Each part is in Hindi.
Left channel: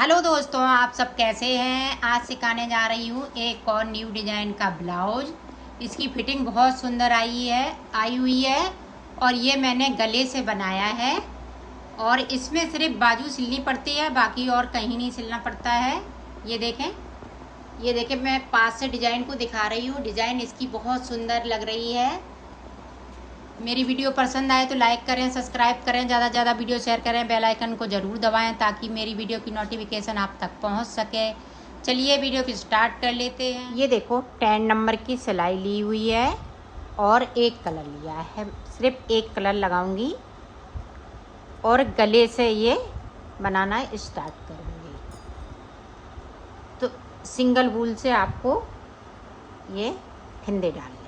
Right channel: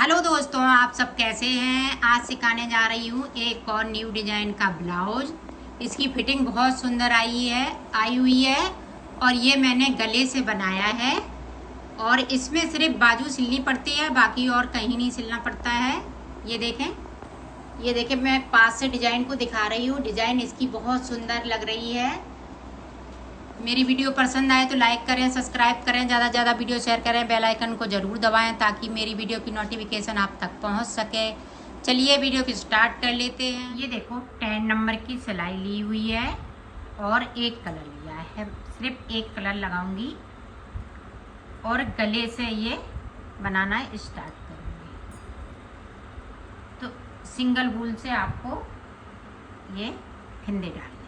हेलो दोस्तों, आप सब कैसे हैं। आज सिखाने जा रही हूँ एक और न्यू डिजाइन का ब्लाउज। इसकी फिटिंग बहुत सुंदर आई हुई है और ये मैंने गले से बनाया है और इसमें सिर्फ बाजू सिलनी पड़ती है, बाकी और कहीं नहीं सिलना पड़ता है। ये देखें मैं पास से डिजाइन को दिखा रही हूँ। डिजाइन इसकी बहुत सुंदर लग रही है। मेरी वीडियो पसंद आए तो लाइक करें, सब्सक्राइब करें, ज़्यादा से ज़्यादा वीडियो शेयर करें, बेल आइकन को ज़रूर दबाएं ताकि मेरी वीडियो की नोटिफिकेशन आप तक पहुंच सके। चलिए वीडियो की स्टार्ट कर लेते हैं। ये देखो 10 नंबर की सिलाई ली हुई है और एक कलर लिया है। सिर्फ एक कलर लगाऊंगी और गले से ये बनाना स्टार्ट करूँगी। तो सिंगल वूल से आपको ये फंदे डालने।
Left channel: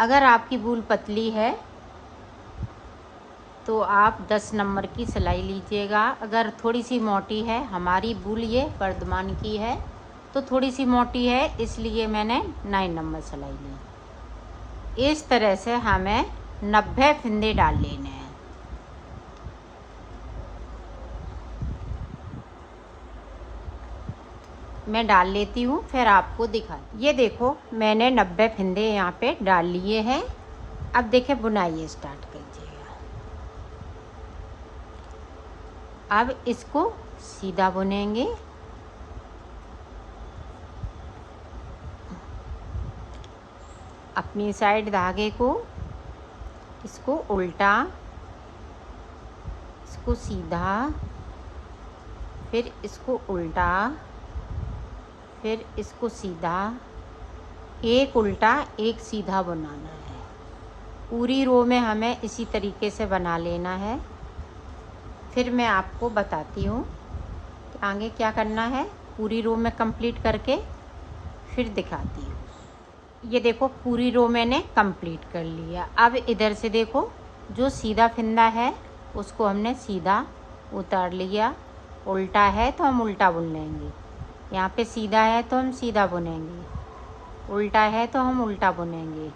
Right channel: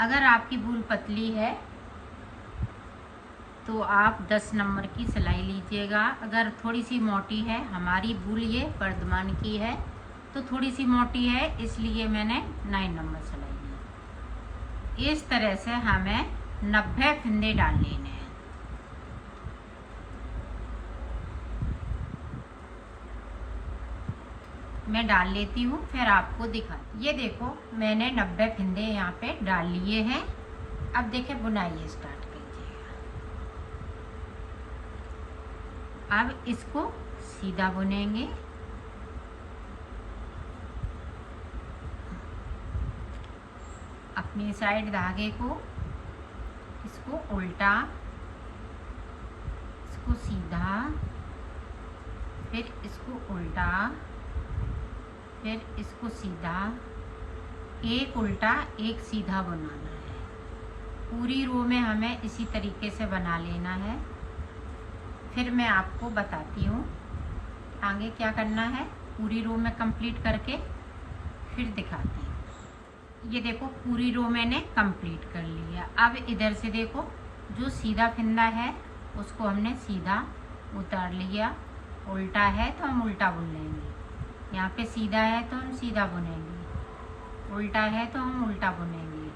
अगर आपकी वूल पतली है तो आप 10 नंबर की सिलाई लीजिएगा। अगर थोड़ी सी मोटी है, हमारी वूल ये वर्धमान की है तो थोड़ी सी मोटी है, इसलिए मैंने 9 नंबर सिलाई ली। इस तरह से हमें 90 फंदे डाल लेने हैं। मैं डाल लेती हूँ फिर आपको दिखा। ये देखो मैंने 90 फंदे यहाँ पे डाल लिए हैं। अब देखें बुनाई स्टार्ट कीजिएगा। अब इसको सीधा बुनेंगे। अपनी साइड धागे को इसको उल्टा, इसको सीधा, फिर इसको उल्टा, फिर इसको सीधा, एक उल्टा एक सीधा बनाना है। पूरी रो में हमें इसी तरीके से बना लेना है। फिर मैं आपको बताती हूँ कि आगे क्या करना है। पूरी रो में कंप्लीट करके फिर दिखाती हूँ। ये देखो पूरी रो मैंने कंप्लीट कर लिया। अब इधर से देखो जो सीधा फंदा है उसको हमने सीधा उतार लिया। उल्टा है तो हम उल्टा बुन लेंगे। यहाँ पे सीधा है तो हम सीधा बुनेंगे, उल्टा है तो हम उल्टा बुनेंगे।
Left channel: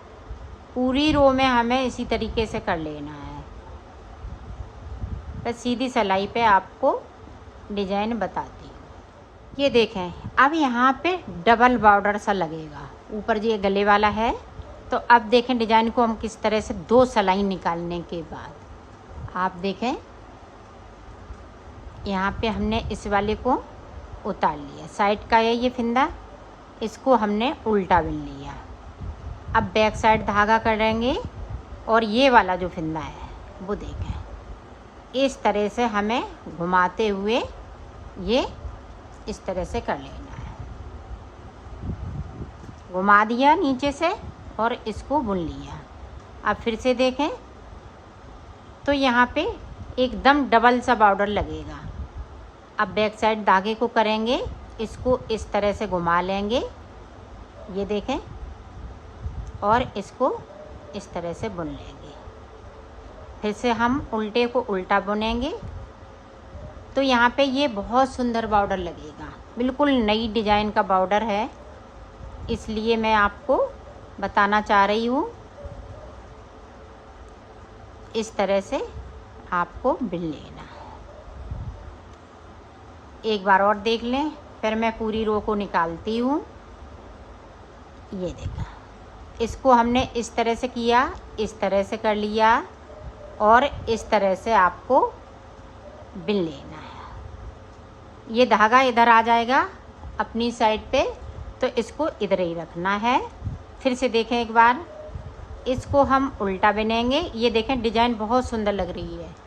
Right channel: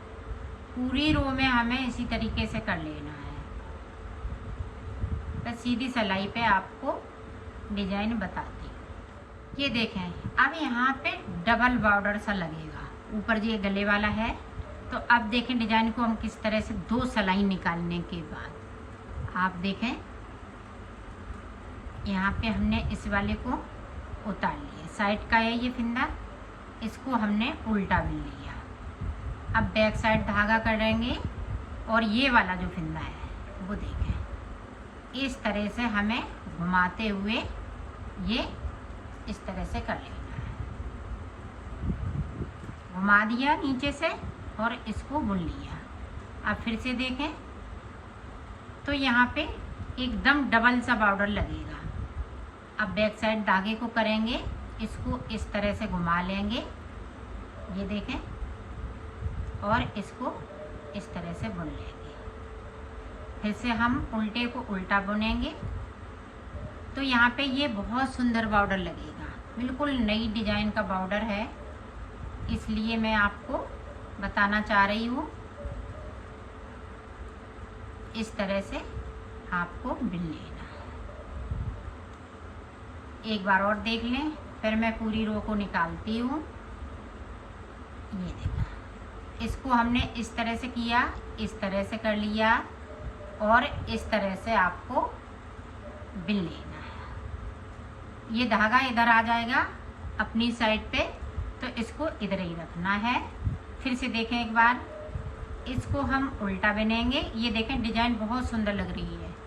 पूरी रो में हमें इसी तरीके से कर लेना है। तो सीधी सिलाई पे आपको डिजाइन बताती हूँ। ये देखें अब यहाँ पे डबल बॉर्डर सा लगेगा। ऊपर ये गले वाला है तो अब देखें डिजाइन को हम किस तरह से 2 सिलाई निकालने के बाद आप देखें यहाँ पे हमने इस वाले को उतार लिया। साइड का है ये फंदा, इसको हमने उल्टा बुन लिया। अब बैक साइड धागा करेंगे और ये वाला जो फंदा है वो देखें इस तरह से हमें घुमाते हुए ये इस तरह से कर लेना है। घुमा दिया नीचे से और इसको बुन लिया। अब फिर से देखें तो यहाँ पे एकदम डबल सा बॉर्डर लगेगा। अब बैक साइड धागे को करेंगे, इसको इस तरह से घुमा लेंगे, ये देखें, और इसको इस तरह से बुन लेंगे। फिर से हम उल्टे को उल्टा बुनेंगे तो यहाँ पे ये बहुत सुंदर बॉर्डर लगेगा। बिल्कुल नई डिजाइन का बॉर्डर है, इसलिए मैं आपको बताना चाह रही हूँ। इस तरह से आपको बुन लेना। एक बार और देख लें, फिर मैं पूरी रो को निकालती हूँ। ये देखा, इसको हमने इस तरह से किया, इस तरह से कर लिया और इस तरह से आपको बुन लेना है। ये धागा इधर आ जाएगा अपनी साइड पे तो इसको इधर ही रखना है। फिर से देखें एक बार, इसको हम उल्टा बुनेंगे। ये देखें डिजाइन बहुत सुंदर लग रही है।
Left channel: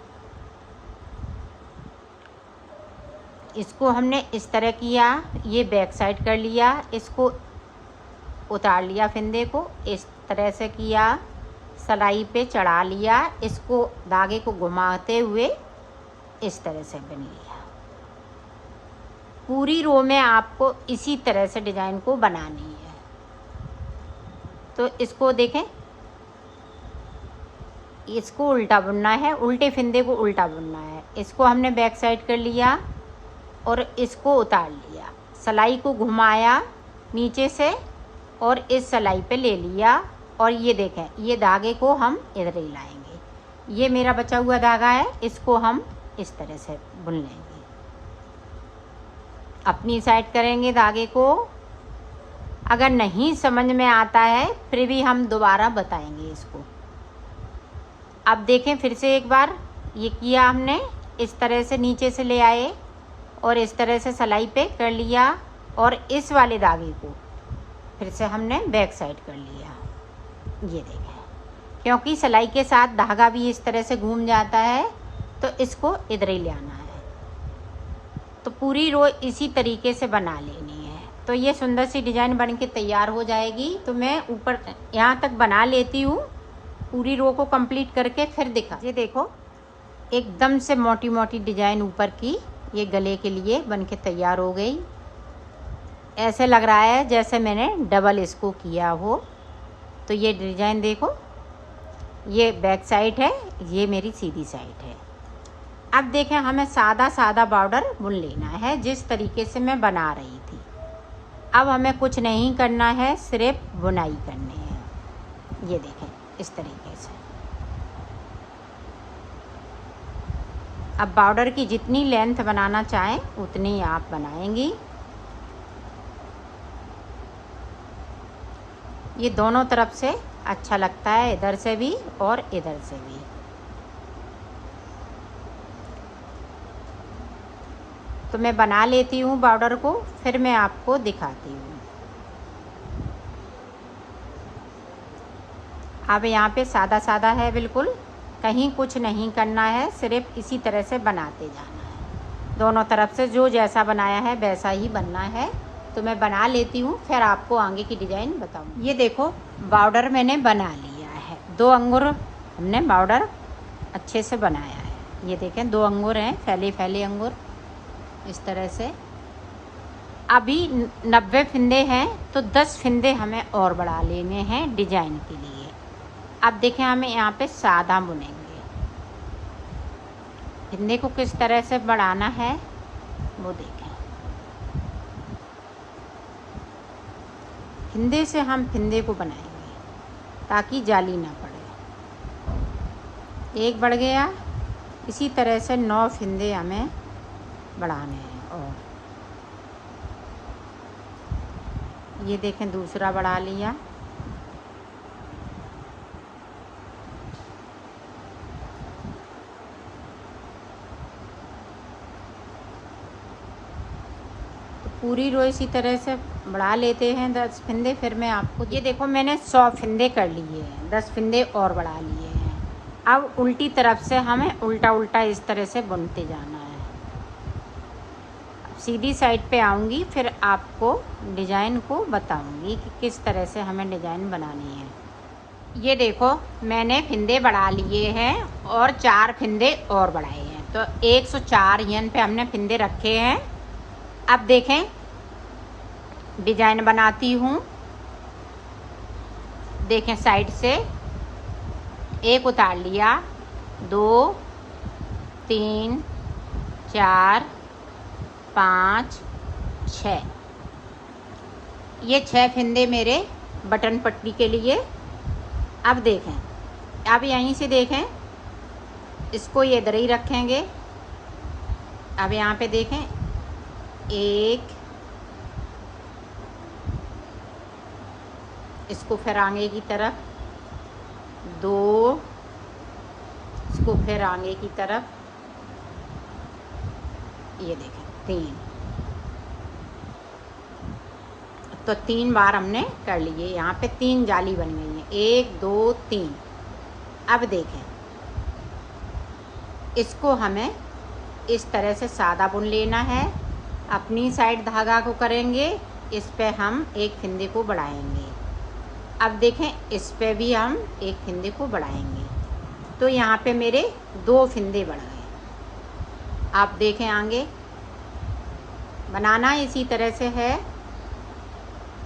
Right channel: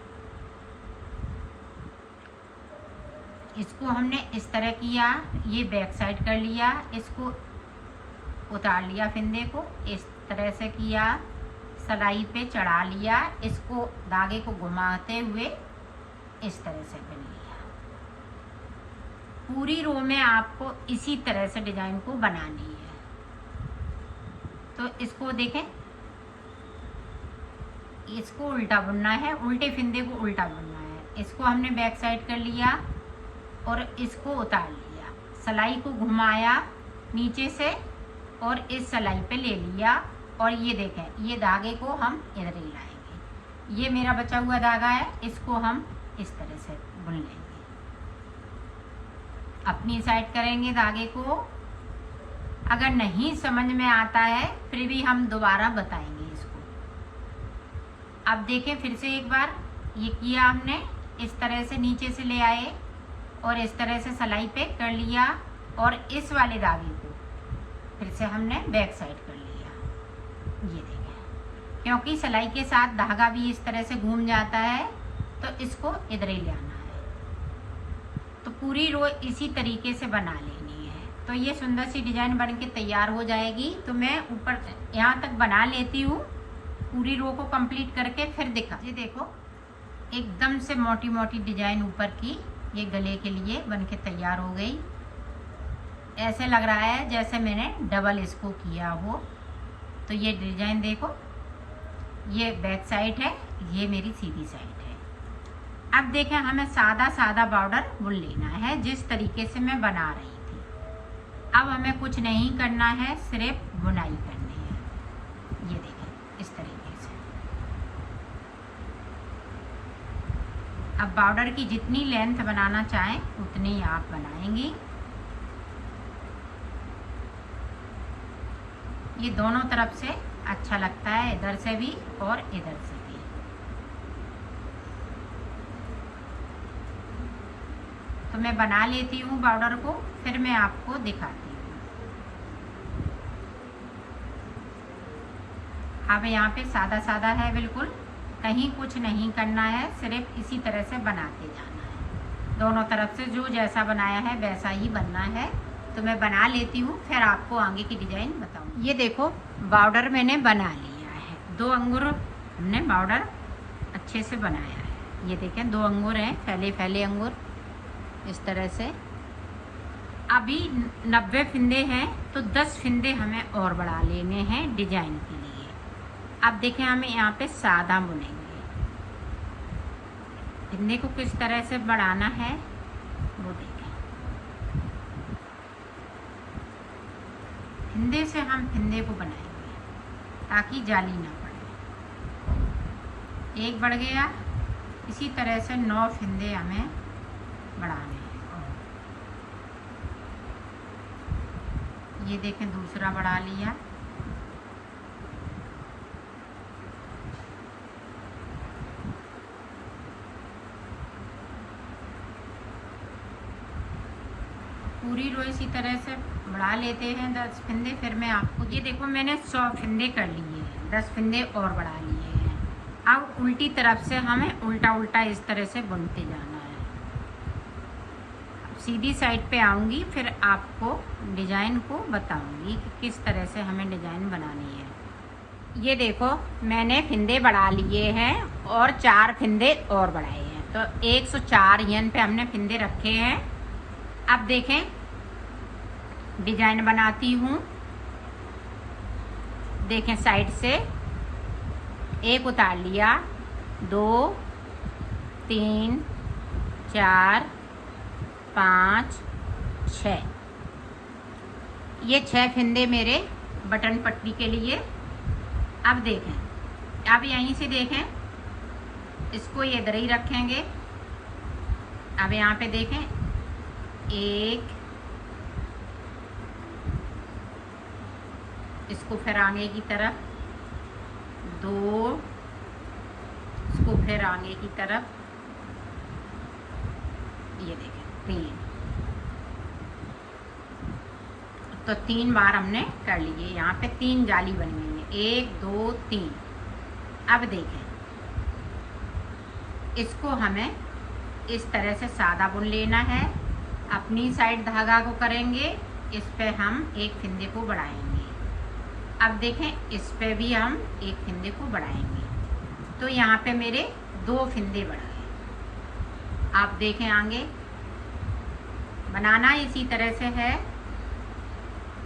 इसको हमने इस तरह किया, ये बैक साइड कर लिया, इसको उतार लिया, फंदे को इस तरह से किया, सिलाई पे चढ़ा लिया, इसको धागे को घुमाते हुए इस तरह से बुन लिया। पूरी रो में आपको इसी तरह से डिजाइन को बनानी है। तो इसको देखें, इसको उल्टा बुनना है, उल्टे फंदे को उल्टा बुनना है। इसको हमने बैक साइड कर लिया और इसको उतार लिया, सिलाई को घुमाया नीचे से और इस सिलाई पे ले लिया और ये देखें ये धागे को हम इधर ही लाएंगे। ये मेरा बचा हुआ धागा है, इसको हम इस तरह से बुन लेंगे। अपनी साइड करेंगे धागे को। अगर नहीं समझ में आता है फिर भी हम दोबारा बताएंगे इसको। अब देखें फिर से एक बार, ये किया हमने, इस तरह से नीचे से ले आए और इस तरह से सिलाई पे कर लिया और इस वाले धागे को फिर से हमने बैक साइड कर लिया। ये देखें, क्योंकि सिलाई के साथ धागा भी इस तरह से घूम जाता है तो इसको इधर ही ले आना है। तो पूरी रो इसी तरीके से बना लेनी है। तो ये सुंदर सी डिज़ाइन बन के तैयार हो जाएगी। तो मैं ऊपर यहाँ तक बना लेती हूँ, पूरी रो को कंप्लीट करके फिर दिखा। ये देखो, एकदम से मोटी मोटी डिज़ाइन ऊपर की ये गले के लिए बन के तैयार हो गई। ऐसे लग रहा है जैसे मैंने डबल इसको किया हो। तो ये डिज़ाइन देखो, ये बैक साइड है, ये मेरी सीधी साइड है। अब देखें, हमें सादा सादा बॉर्डर बुन लेना है जिस तरीके से मैं बना रही थी। अब हमें कुछ नहीं करना है, सिर्फ बुनाई करनी है। ये देखें इस तरीके से। अब बॉर्डर की जितनी लेंथ बनाना चाहें उतनी आप बनाएंगी। ये दोनों तरफ से अच्छा लगता है, इधर से भी और इधर से भी। तो मैं बना लेती हूँ बॉर्डर को, फिर मैं आपको दिखाती हूँ। अब यहाँ पे सादा सादा है बिल्कुल, कहीं कुछ नहीं करना है, सिर्फ इसी तरह से बनाते जाना है। दोनों तरफ से जो जैसा बनाया है वैसा ही बनना है। तो मैं बना लेती हूँ, फिर आपको आगे की डिज़ाइन बताऊँ। ये देखो, बॉर्डर मैंने बना लिया है। 2 अंगूर हमने बॉर्डर अच्छे से बनाया है। ये देखें 2 अंगूर हैं, फैले फैले अंगूर इस तरह से। अभी 90 फिंदे हैं तो 10 फिंदे हमें और बढ़ा लेने हैं डिजाइन के लिए। अब देखें, हमें यहाँ पे सादा बुनेंगे। फिंदे को किस तरह से बढ़ाना है वो देखें। फिंदे से हम फिंदे को बनाएंगे ताकि जाली ना पड़े। एक बढ़ गया, इसी तरह से 9 फिंदे हमें बढ़ाने हैं। और ये देखें दूसरा बढ़ा लिया। पूरी रो इसी तरह से बढ़ा लेते हैं 10 फिंदे। फिर मैं आपको, ये देखो मैंने 100 फिंदे कर लिए हैं, 10 फिंदे और बढ़ा लिए हैं। अब उल्टी तरफ से हमें उल्टा उल्टा इस तरह से बुनते जाना है। अब सीधी साइड पे आऊँगी, फिर आपको डिज़ाइन को बताऊँगी कि किस तरह से हमें डिज़ाइन बनानी है। ये देखो, मैंने फिंदे बढ़ा लिए हैं और 4 फिंदे और बढ़ाए हैं। तो 104 यहाँ पे हमने फिंदे रखे हैं। अब देखें, डिजाइन बनाती हूँ। देखें, साइड से एक उतार लिया, 2 3 4 5 6। ये 6 फिंदे मेरे बटन पट्टी के लिए। अब देखें, अब यहीं से देखें, इसको ये इधर ही रखेंगे। अब यहाँ पे देखें, 1, इसको फिर आगे की तरफ, 2, इसको फिर आगे की तरफ, ये देखें 3। तो 3 बार हमने कर लिए। यहाँ पे 3 जाली बन गई है, 1 2 3। अब देखें, इसको हमें इस तरह से सादा बुन लेना है। अपनी साइड धागा को करेंगे, इस पे हम एक फिंदे को बढ़ाएंगे। अब देखें, इस पे भी हम एक फिंदे को बढ़ाएंगे। तो यहाँ पे मेरे 2 फिंदे बढ़ाए। आप देखें, आगे बनाना इसी तरह से है।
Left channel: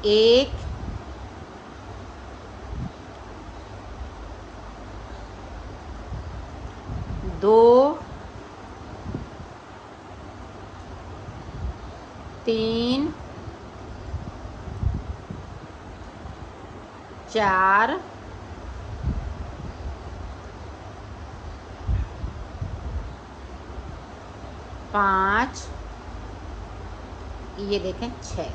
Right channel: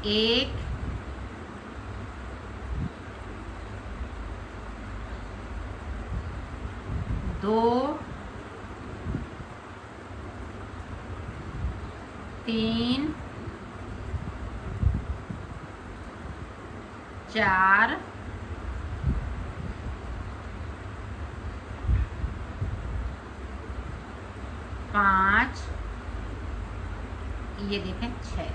1 2 3 4 5 ये देखें 6।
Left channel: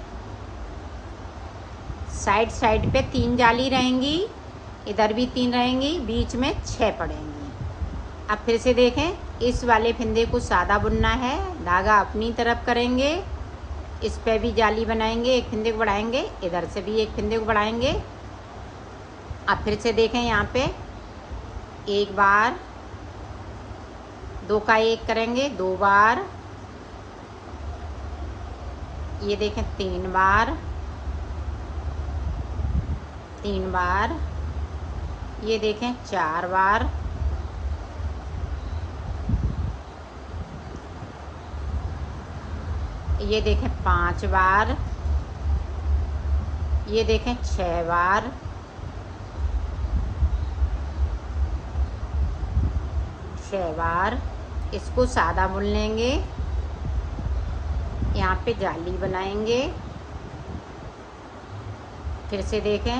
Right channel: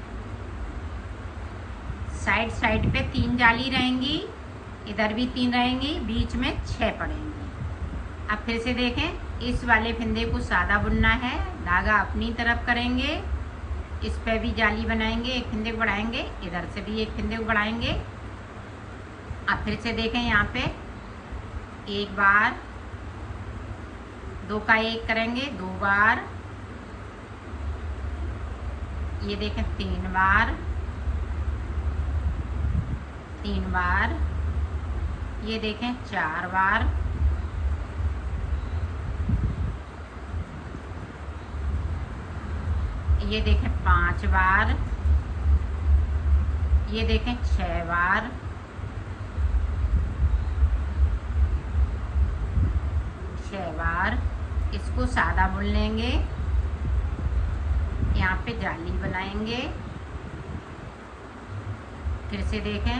साइड साइड पे 3 जाली रहेंगी, इधर भी 3 रहेंगी, बीच में 6 पड़ेंगी। अब फिर से देखें, इस वाले फंदे को सादा बुनना है, धागा अपनी तरफ करेंगे, इस पे भी जाली बनाएंगे, एक फंदे को बढ़ाएंगे, इधर से भी एक फंदे को बढ़ाएंगे। अब फिर से देखें, यहाँ पे एक बार, 2 का 1 करेंगे, 2 बार, ये देखें 3 बार, 3 बार, ये देखें 4 बार, ये देखें 5 बार, ये देखें 6 बार, इसको सादा बुन लेंगे, यहाँ पे जाली बनाएंगे। फिर से देखें,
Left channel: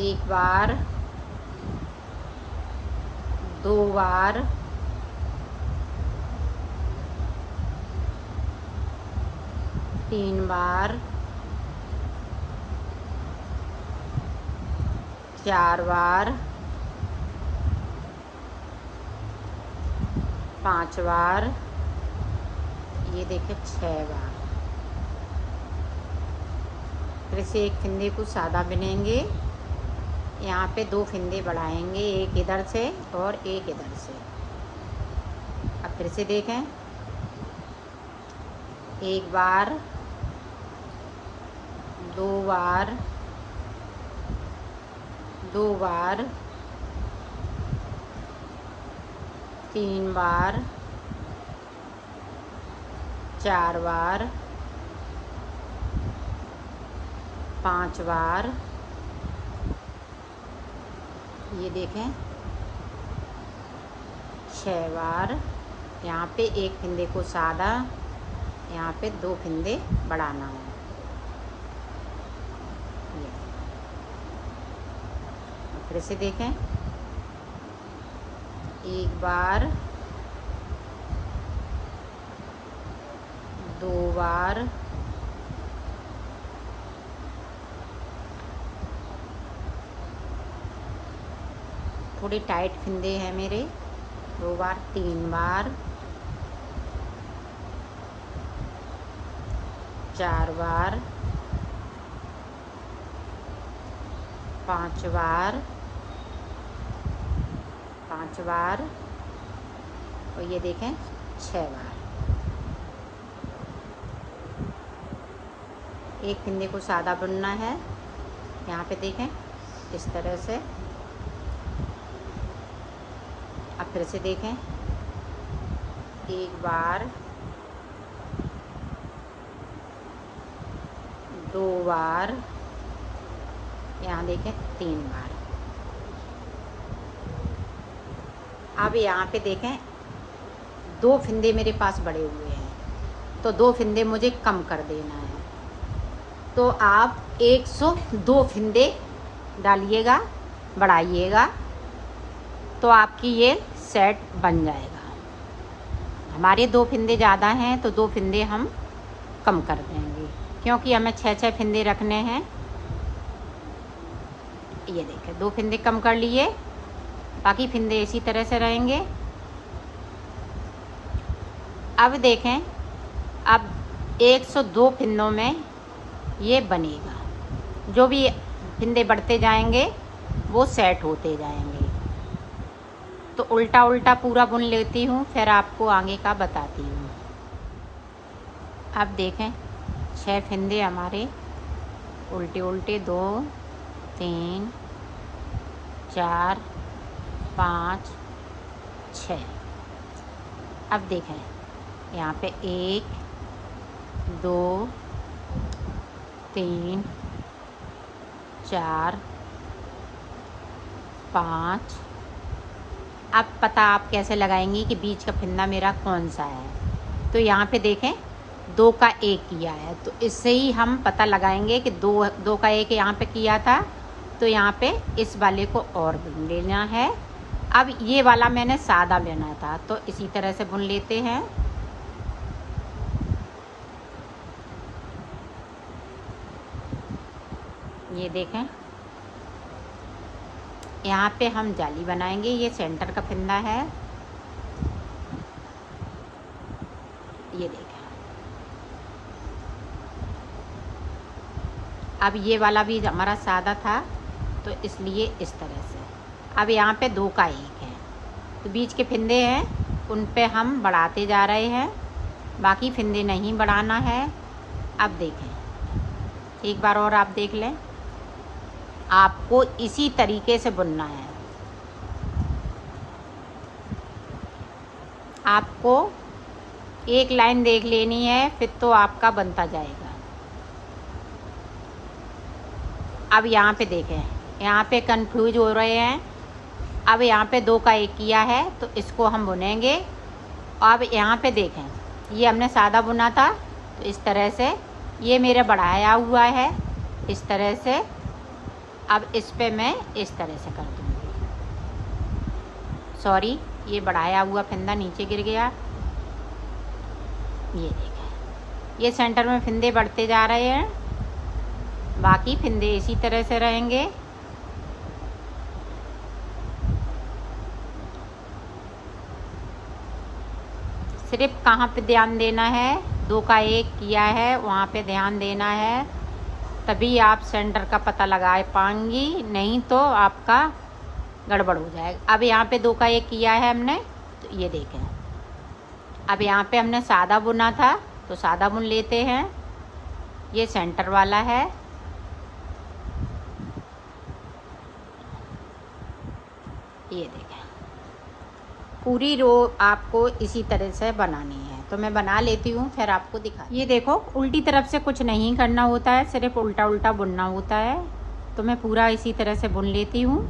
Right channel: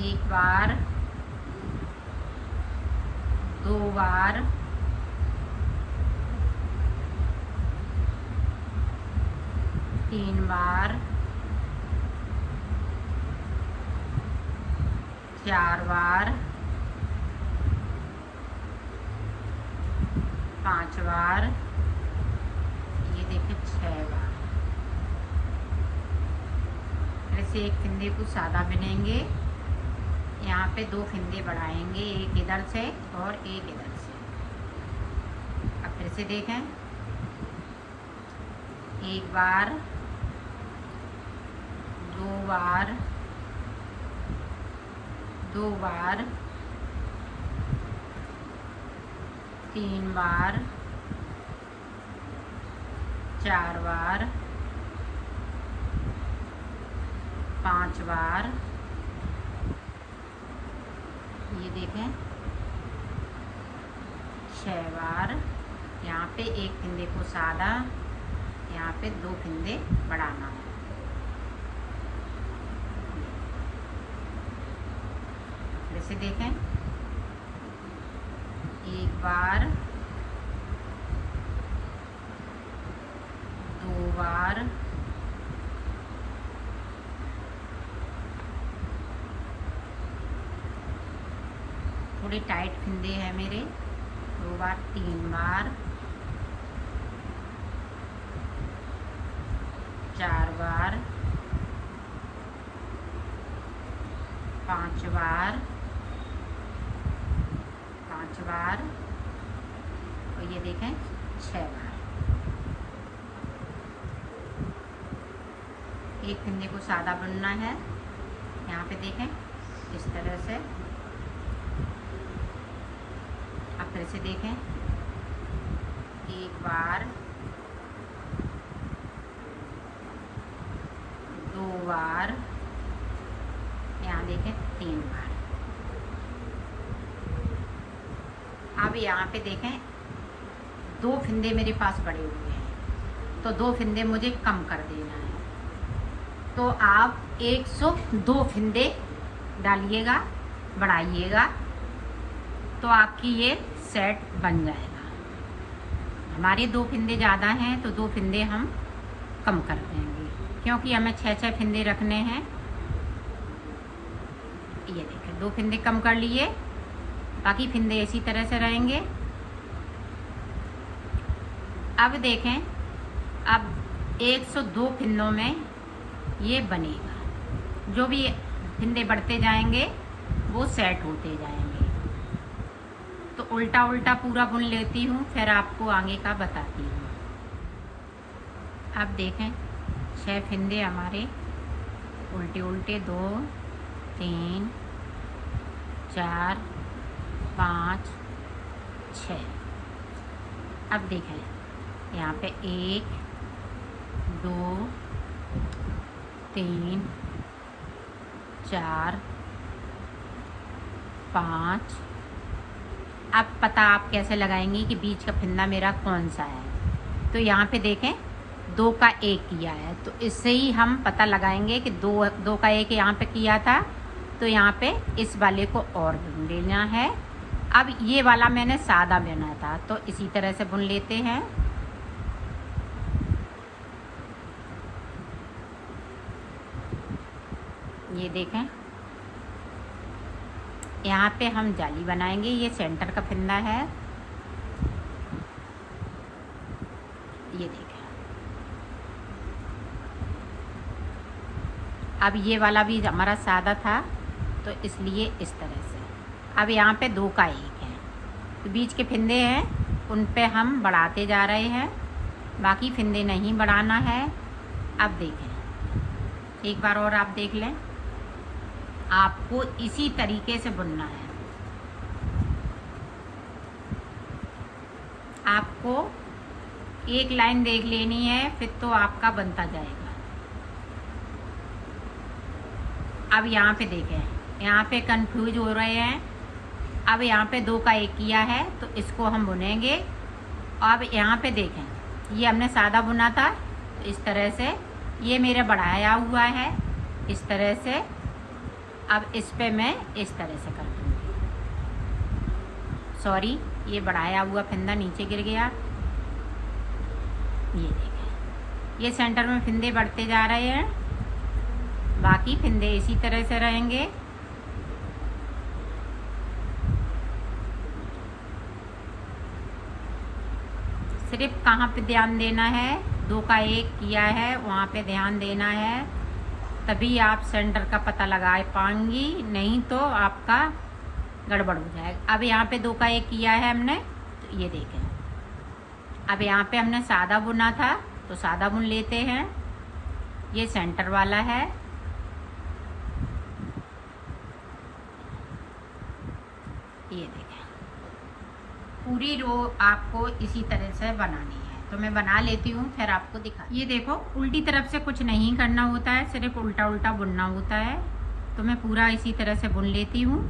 एक बार, 2 बार, 3 बार, 4 बार, 5 बार, ये देखें 6 बार। फिर से एक फंदे को सादा बुनेंगे, यहाँ पे 2 फंदे बढ़ाएंगे, एक इधर से और एक इधर से। अब फिर से देखें, एक बार, 2 बार, 2 बार, 3 बार, 4 बार, 5 बार, ये देखें 6 बार। यहाँ पे एक फंदे को सादा, यहाँ पे 2 फंदे बढ़ाना है। फिर से देखें, एक बार, 2 बार, 3 टाइट फंदे हैं मेरे, 2 बार, 3 बार, 4 बार, 5 बार, 5 बार, और ये देखें 6 बार। एक फंदे को सादा बुनना है, यहाँ पे देखें इस तरह से। अब फिर से देखें, एक बार, 2 बार, यहाँ देखें 3 बार। अब यहाँ पे देखें 2 फंदे मेरे पास बढ़े हुए हैं, तो 2 फंदे मुझे कम कर देना है। तो आप 102 फंदे डालिएगा, बढ़ाइएगा, तो आपकी ये सेट बन जाएगा। हमारे 2 फंदे ज़्यादा हैं तो 2 फंदे हम कम कर देंगे, क्योंकि हमें 6 फंदे रखने हैं। ये देखें 2 फंदे कम कर लिए, बाकी फंदे इसी तरह से रहेंगे। अब देखें, अब 102 फंदों में ये बनेगा। जो भी फंदे बढ़ते जाएंगे वो सेट होते जाएंगे। तो उल्टा उल्टा पूरा बुन लेती हूँ, फिर आपको आगे का बताती हूँ। अब देखें 6 फंदे हमारे उल्टे उल्टे, 2, 3, 4, 5, 6। अब देखें यहाँ पे 1, 2, 3, 4, 5। अब पता आप कैसे लगाएंगी कि बीच का फंदा मेरा कौन सा है। तो यहाँ पे देखें 2 का 1 किया है, तो इससे ही हम पता लगाएंगे कि 2 का 1 यहाँ पे किया था, तो यहाँ पे इस वाले को और बुन लेना है। अब ये वाला मैंने सादा बुना था, तो इसी तरह से बुन लेते हैं। ये देखें, यहाँ पे हम जाली बनाएंगे। ये सेंटर का फंदा है, ये देखें। अब ये वाला भी हमारा सादा था, तो इसलिए इस तरह से। अब यहाँ पे 2 का 1 है, तो बीच के फंदे हैं उन पे हम बढ़ाते जा रहे हैं, बाकी फंदे नहीं बढ़ाना है। अब देखें, एक बार और आप देख लें, आपको इसी तरीके से बुनना है। आपको एक लाइन देख लेनी है, फिर तो आपका बनता जाएगा। अब यहाँ पे देखें, यहाँ पे कंफ्यूज हो रहे हैं। अब यहाँ पे 2 का 1 किया है, तो इसको हम बुनेंगे। अब यहाँ पे देखें, ये हमने सादा बुना था, तो इस तरह से ये मेरा बढ़ाया हुआ है, इस तरह से। अब इस पे मैं इस तरह से कर दूँगी। सॉरी, ये बढ़ाया हुआ फंदा नीचे गिर गया। ये देखें, ये सेंटर में फंदे बढ़ते जा रहे हैं, बाकी फंदे इसी तरह से रहेंगे। सिर्फ कहाँ पे ध्यान देना है, 2 का 1 किया है वहाँ पे ध्यान देना है, तभी आप सेंटर का पता लगा पाएंगी, नहीं तो आपका गड़बड़ हो जाएगा। अब यहाँ पे 2 का 1 किया है हमने, तो ये देखें। अब यहाँ पे हमने सादा बुना था, तो सादा बुन लेते हैं। ये सेंटर वाला है, ये देखें। पूरी रो आपको इसी तरह से बनानी है, तो मैं बना लेती हूँ, फिर आपको दिखा। ये देखो, उल्टी तरफ से कुछ नहीं करना होता है, सिर्फ उल्टा उल्टा बुनना होता है। तो मैं पूरा इसी तरह से बुन लेती हूँ,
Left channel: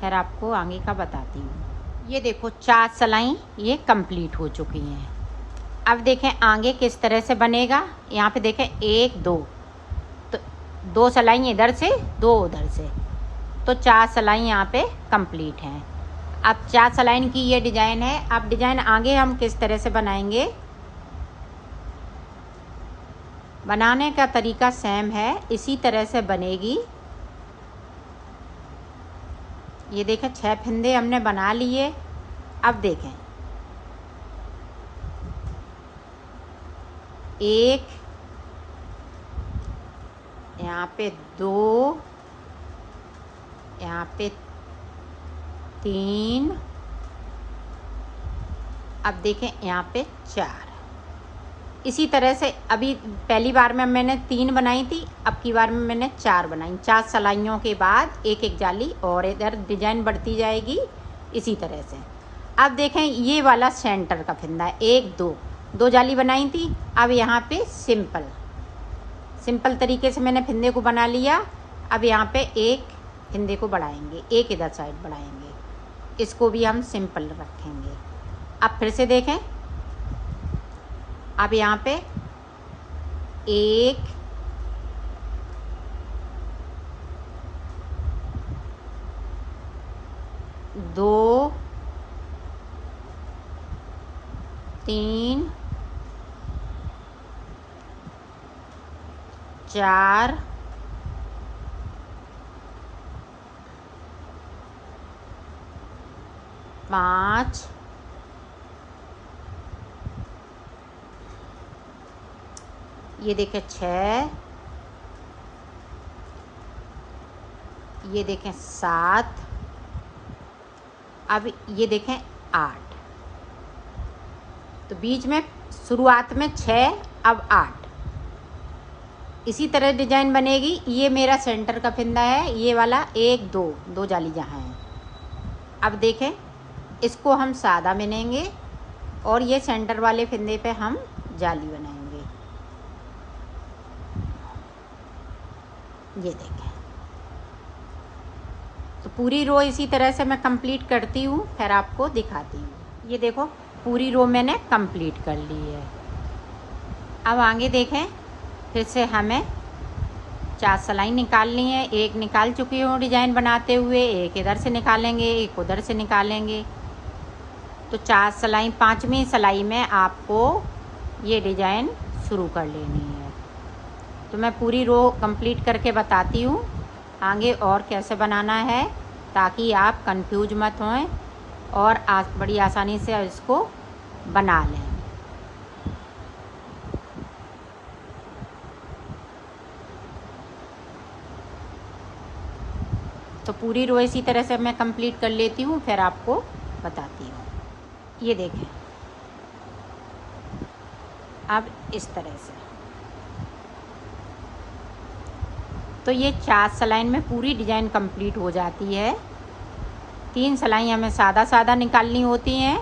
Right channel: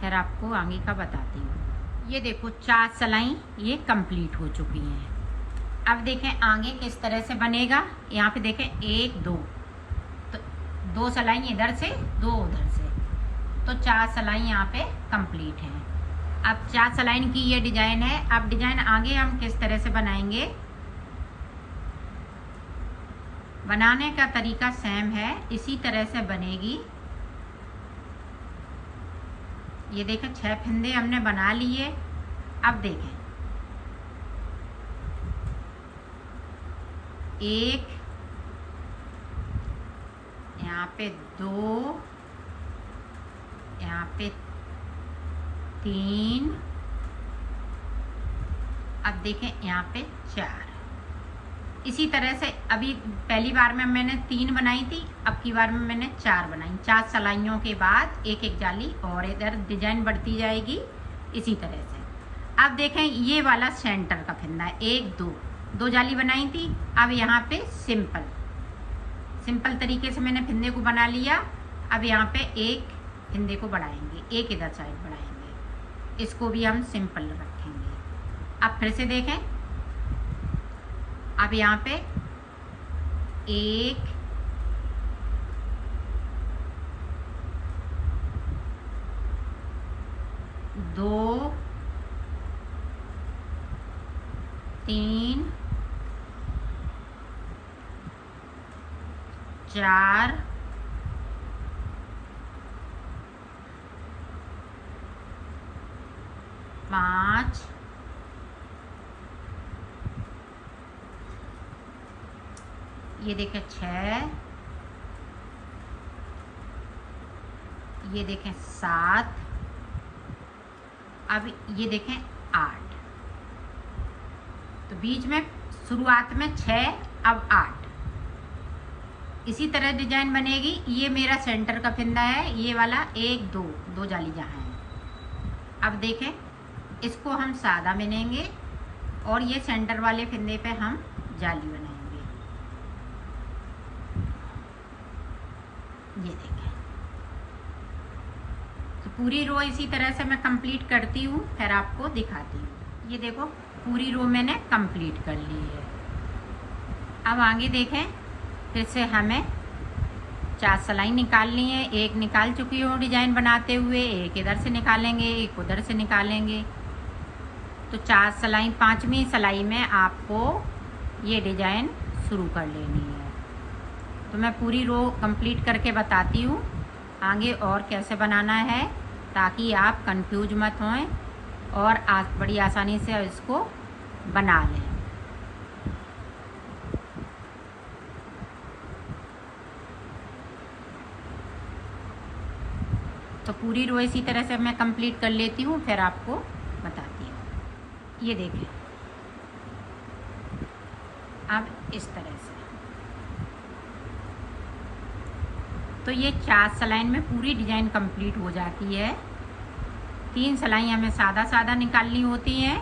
फिर आपको आगे का बताती हूँ। ये देखो, 4 सिलाई ये कंप्लीट हो चुकी हैं। अब देखें आगे किस तरह से बनेगा। यहाँ पे देखें 1 2, तो 2 सिलाई इधर से, 2 उधर से, तो 4 सिलाई यहाँ पे कंप्लीट हैं। अब 4 सिलाई की ये डिज़ाइन है। अब डिज़ाइन आगे हम किस तरह से बनाएंगे, बनाने का तरीका सेम है, इसी तरह से बनेगी। ये देखें, 6 फंदे हमने बना लिए। अब देखें, 1, यहाँ पे 2, यहाँ पे 3, अब देखें यहाँ पे 4। इसी तरह से अभी पहली बार में मैंने 3 बनाई थी, अब की बार में मैंने 4 बनाई। 4 सिलाइयों के बाद एक एक जाली और इधर डिजाइन बढ़ती जाएगी इसी तरह से। अब देखें, ये वाला सेंटर का फंदा है, 1 2, 2 जाली बनाई थी। अब यहाँ पे सिंपल तरीके से मैंने फंदे को बना लिया। अब यहाँ पे एक फंदे को बढ़ाएंगे, एक इधर साइड बढ़ाएंगे, इसको भी हम सिंपल रखेंगे। अब फिर से देखें, अब यहाँ पे 1 2 3 4 5 ये देखें 6, ये देखें 7, अब ये देखें 8। तो बीच में शुरुआत में 6, अब 8, इसी तरह डिजाइन बनेगी। ये मेरा सेंटर का फंदा है, ये वाला 1 2, 2 जाली जहाँ है। अब देखें, इसको हम सादा बुनेंगे और ये सेंटर वाले फंदे पे हम जाली बनाएंगे। ये देखें, तो पूरी रो इसी तरह से मैं कंप्लीट करती हूँ, फिर आपको दिखाती हूँ। ये देखो, पूरी रो मैंने कंप्लीट कर ली है। अब आगे देखें, फिर से हमें 4 सिलाई निकालनी है। एक निकाल चुकी हूँ डिजाइन बनाते हुए, एक इधर से निकालेंगे, एक उधर से निकालेंगे। तो 4 सिलाई, 5वीं सिलाई में आपको ये डिजाइन शुरू कर लेनी है। तो मैं पूरी रो कंप्लीट करके बताती हूँ, आगे और कैसे बनाना है, ताकि आप कंफ्यूज मत हों और बड़ी आसानी से इसको बना लें। तो पूरी रो इसी तरह से मैं कंप्लीट कर लेती हूँ, फिर आपको बताती हूँ। ये देखें, अब इस तरह से तो ये 4 सिलाई में पूरी डिज़ाइन कंप्लीट हो जाती है। 3 सिलाई हमें सादा सादा निकालनी होती हैं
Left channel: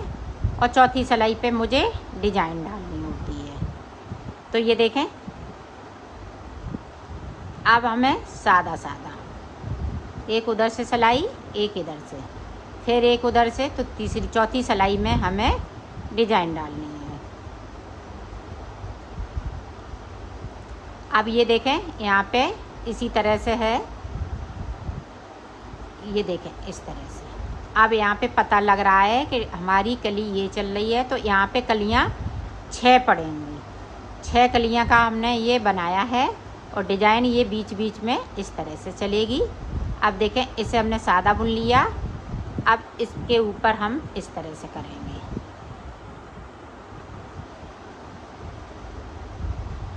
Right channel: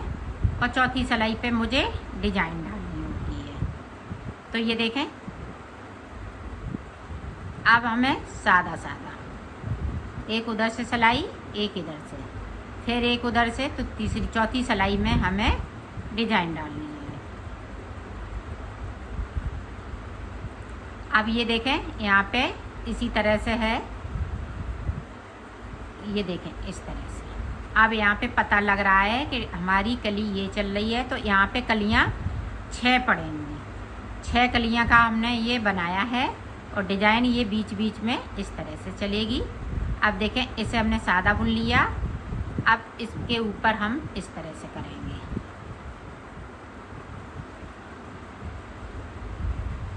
और चौथी सिलाई पे मुझे डिज़ाइन डालनी होती है। तो ये देखें, अब हमें सादा सादा एक उधर से सिलाई, एक इधर से, फिर एक उधर से, तो तीसरी चौथी सिलाई में हमें डिज़ाइन डालनी है। अब ये देखें, यहाँ पे इसी तरह से है, ये देखें इस तरह से। अब यहाँ पे पता लग रहा है कि हमारी कली ये चल रही है, तो यहाँ पे कलियाँ 6 पड़ेंगी। 6 कलियाँ का हमने ये बनाया है और डिज़ाइन ये बीच बीच में इस तरह से चलेगी। अब देखें, इसे हमने सादा बुन लिया, अब इसके ऊपर हम इस तरह से करेंगे।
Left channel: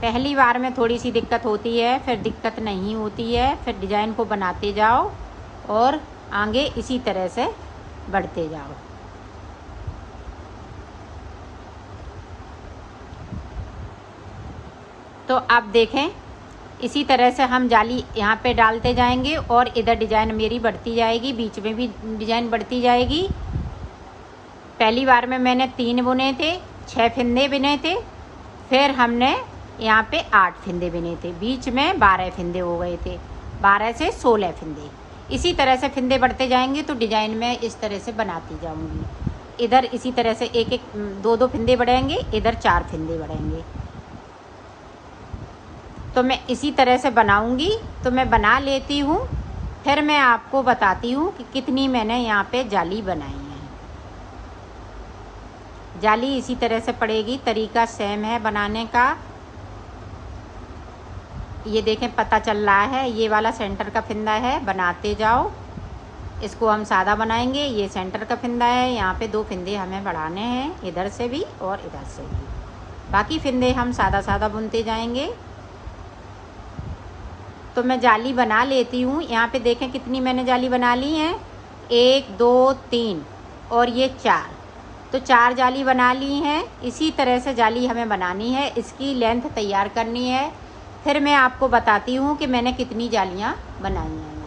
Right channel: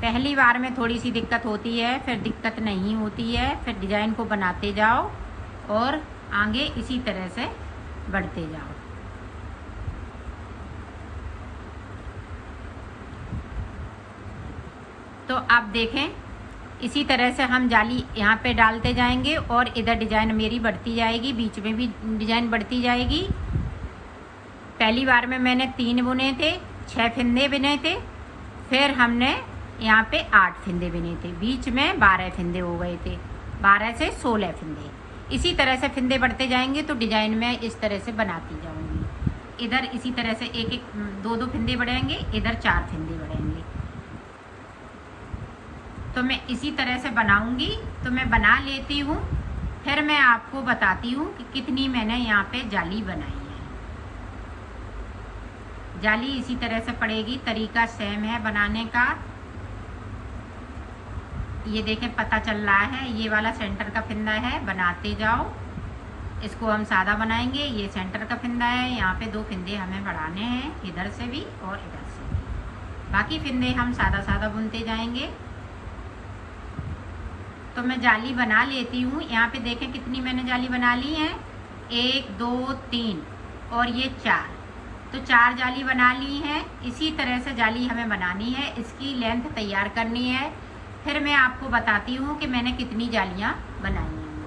पहली बार में थोड़ी सी दिक्कत होती है, फिर दिक्कत नहीं होती है, फिर डिज़ाइन को बनाते जाओ और आगे इसी तरह से बढ़ते जाओ। तो अब देखें, इसी तरह से हम जाली यहाँ पे डालते जाएंगे और इधर डिज़ाइन मेरी बढ़ती जाएगी, बीच में भी डिज़ाइन बढ़ती जाएगी। पहली बार में मैंने 3 बुने थे, 6 फिंदे बुने थे, फिर हमने यहाँ पे 8 फिंदे बुने थे, बीच में 12 फिंदे हो गए थे, 12 से 16 फिंदे। इसी तरह से फिंदे बढ़ते जाएंगे तो डिज़ाइन में इस तरह से बनाती जाऊँगी। इधर इसी तरह से एक एक 2-2 फिंदे बढ़ेंगे, इधर 4 फिंदे बढ़ेंगे। तो मैं इसी तरह से बनाऊंगी। तो मैं बना लेती हूँ, फिर मैं आपको बताती हूँ कि कितनी मैंने यहाँ पे जाली बनाई है। जाली इसी तरह से पड़ेगी, तरीका सेम है बनाने का। ये देखें, पता चल रहा है, ये वाला सेंटर का फिंदा है, बनाते जाओ। इसको हम सादा बनाएंगे। ये सेंटर का फिंदा है, यहाँ पे 2 फिंदे हमें बढ़ाने हैं, इधर से भी और इधर से भी। बाकी फिंदे हम सादा सादा बुनते जाएंगे। तो मैं जाली बना लेती हूँ। यहाँ पे देखें कितनी मैंने जाली बना ली है, 1 2 3 और ये 4। तो 4 जाली बना ली हैं। इसी तरह से जाली हमें बनानी है, इसकी लेंथ तैयार करनी है। फिर मैं आपको बताती हूँ कि मैंने कितनी जालियाँ बनाई हैं।